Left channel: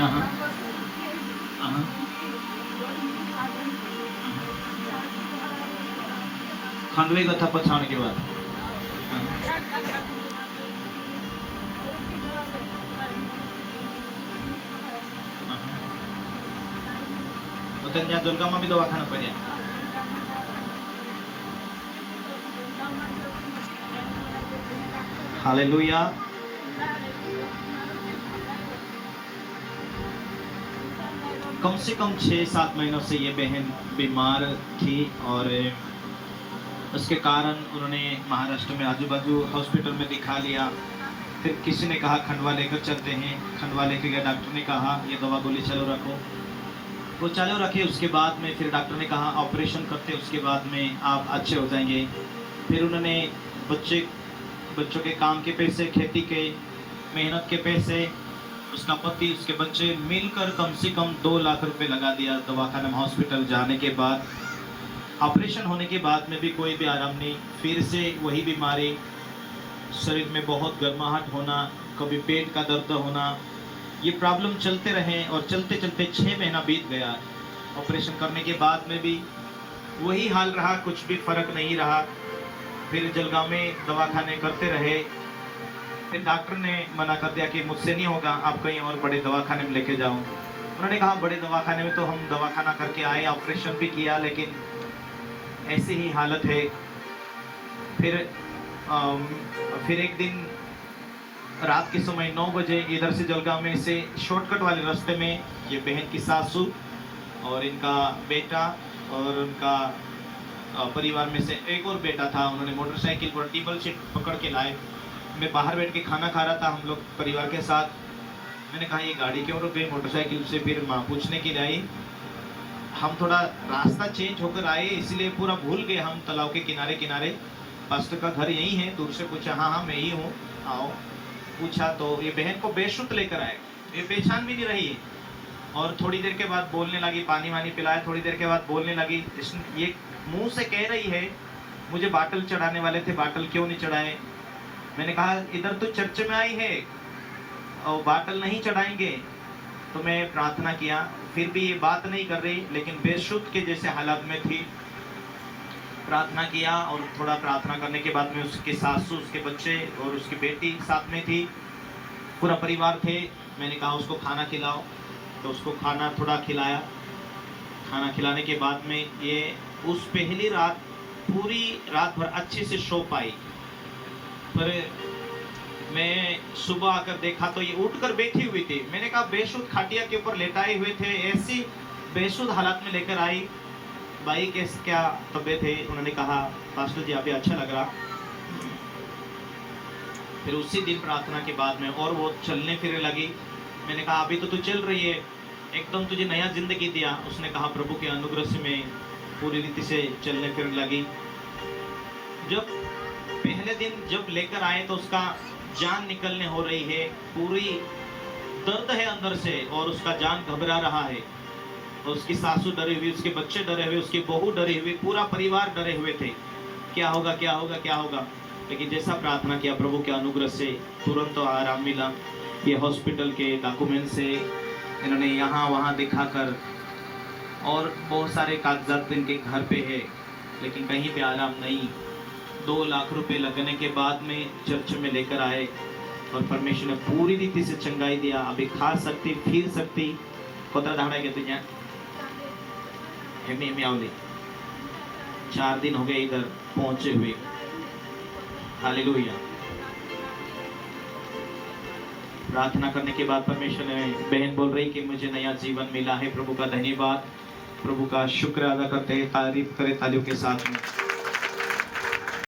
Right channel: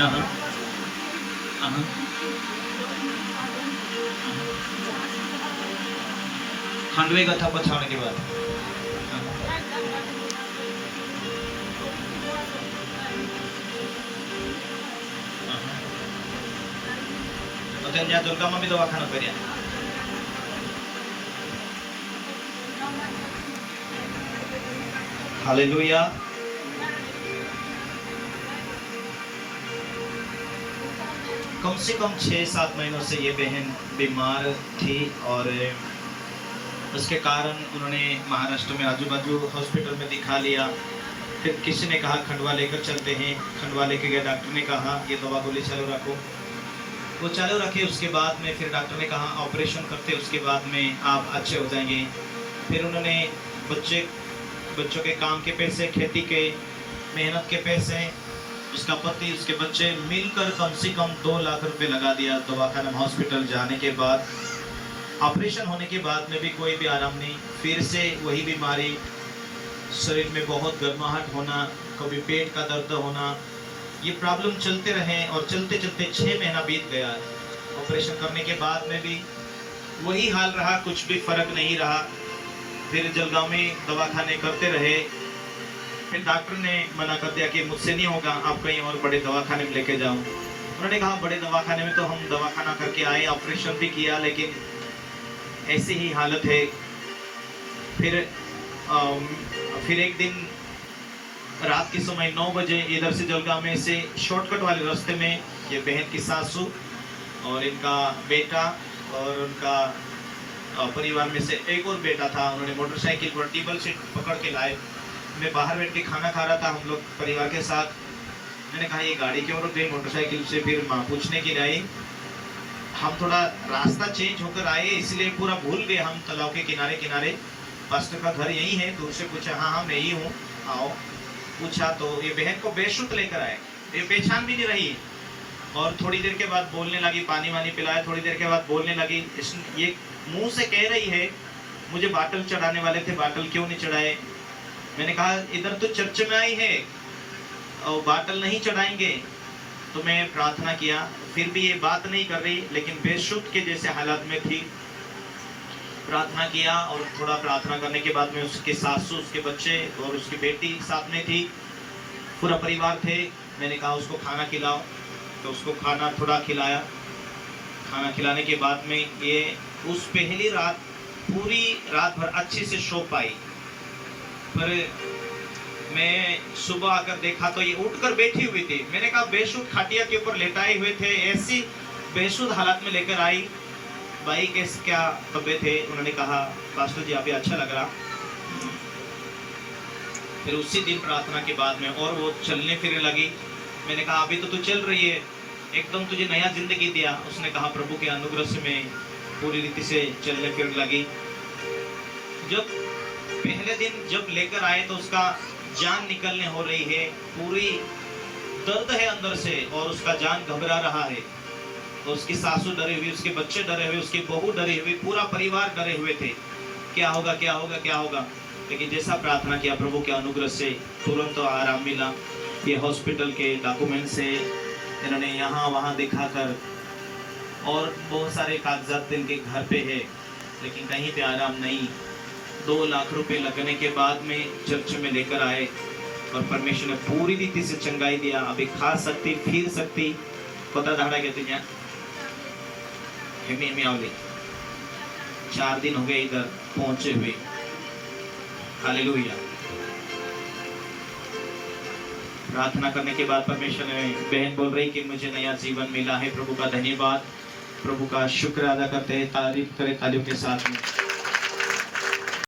हाँ, हाँ, खंडवे का था पछाड़ के बाद। तो ત્યાં દુર્ગામાં બી દવાખાના કર્યા। हालेलुया। कम से कम 6-7 महीनों से ये बहन बीमार थी और उसके कारण उन्होंने महाराष्ट्र में आजू बाजू हॉस्पिटल में दिखा लिया। फिर किसी ने कहा खंडवा लेकर चलते हैं, खंडवा लेके गए। डॉक्टर ने कहा ये दवा गोली चालू रखो, वो चालू रखे। उसके बाद में फिर डॉक्टर ने कहा ऑपरेशन करते, उसके बाद में आप अच्छे हो जाएंगे। फिर उन्होंने बच्चों के काम के पैसे, खेती के मेहनत के पैसे, उसका पति, उसके बच्चे मिलकर कम से कम 2 लाख रुपए लगा दिया दवाखाना में। हॉस्पिटल जाने के बाद, ऑपरेशन होने के बाद में भी कोई भी आराम नहीं। फिर से वही बीमारी, शरीर में बहुत गर्माहट होना, कभी पेट का दर्द होना, ये प्रॉब्लम चलते रहे और चलते चलते 6 महीना बीत गया। ऑपरेशन करने के बाद में भी वही हाल रहा, कुछ भी फर्क नहीं रहा। फिर जलगांव में दवाखाने करते रहे। फिर डॉक्टर ने मना कर दिया कि मुझसे नहीं होगा, आप कहीं और बड़े दवाखाने में लेके जाओ। उन्होंने कहा बड़े दवाखाने में तो हम दवाखाना करके आए, ऑपरेशन भी किया, लेकिन ऐसी ही हालत है। फिर एक दिन रात के समय 9 बजे इधर से जलगांव में से शॉर्टकट वाले रास्ते में ये बहन की सासू और इनका बेटा और उनका परिवार में से एक और बेटा था, उन्होंने मोटरसाइकिल पर टेबल सीट पकड़ के लाए। मैं बाहर बैठ के खाना खा रहा था हम लोग परिवार के साथ। मैंने कहा ये गाड़ी क्यों रुक गई मोटरसाइकिल से? फिर माँ पूछने के लिए आई। हम थोड़ा रास्ता चेंज होकर आए, इसलिए पूरा भूल गए। हम तालाब के किनारे किनारे, पास्टर का घर यही है। दूर से पूछा, हाँ हाँ मैं ही हूँ, आओ। पूछा तो ये बहन को बेशुद्ध लेकर आए, ये पहचान भी नहीं रही। और थोड़ी देर के बाद बोलने लगी, पानी वानी पिलाया। थोड़ी देर के बाद बोलने लगी, ये मुंह से कह रही है मुझे बाटल चढ़ाने वाले थे, बाटल क्यों नहीं चढ़ाए? मैंने कहा इधर तो चर्च में आई है और बाटल नहीं चढ़ाएंगे। तो मैं प्रार्थना किया, फिर भी ये बात नहीं कर रही, लेकिन बेशुद्ध के जैसे हालत में थी। प्रार्थना किया और थोड़ा प्रार्थना करने के बाद में उसके सासू, उसके बच्चे और उसकी बेटी साथ में थी, पूरा परिवार थे। मैंने कहा उसको खाना खिलाओ, तो उसको खाना थोड़ा खिलाया। खाना खिलाने के बाद में ये उस पहली रात पूरी रात भर अच्छे से सो पाई। पर मैं सुबह आकर देखा तो ये उठकर बैठी हुई थी। मैंने कहा बेशुद्ध खाटिया के ऊपर लेटाए हुए थे, ऐसी बेशुद्ध हालत में लेकर आई। भाई क्या तबीयत है? उन्होंने कहा पास्टर जी अभी अच्छा लग रहा। फिर उसी दिन प्रार्थना के बाद में और वो चलने फिरने लगी। मैंने कहा अभी तो तू चल रही है, एकदम तुझे नया जिंदगी दिया। उसने कहा प्रभु के अनुग्रह से मैं पूरी रीति से चलने फिरने लगी। जब पहले दिन जब लेकर आए तो उसका जान निकलने हो रही है, पूरी दर्द है अंदर से और उसका जान घबरा रहा है। और उसकी सासू डरी हुई, उसके बच्चे डरे हुए, उसकी बहू डरी हुई, पूरा परिवार डरे हुए थे, क्या होगा क्या होगा क्या होगा। लेकिन जैसा प्रार्थना किया प्रभु के अनुग्रह से तुरंत तो आराम मिला। ये हॉस्पिटल के डॉक्यूमेंट से इन्होंने यहाँ वहाँ दिखाकर और बहुत सारे कागजात इनके घर पे है, लेकिन कहीं पे आराम नहीं। 2 लाख रुपए लगने के बाद में चर्च में लेकर आए और परमेश्वर ने पूरी रीति से चंगाई दिया। अभी खा सकती, फिर सकती। कोता धाड़ा गए थे यहाँ में आवले 4 दिन हो गए इधर पहुंचे हुए। हालेलुया। प्रार्थना करने के बाद परमेश्वर ने, बहन बोल रही कि मुझे नया जीवन मिला है। प्रभु का धन्यवाद, प्रभु का शुक्र अदा करते हैं, तारीफ करें तालियों के साथ में।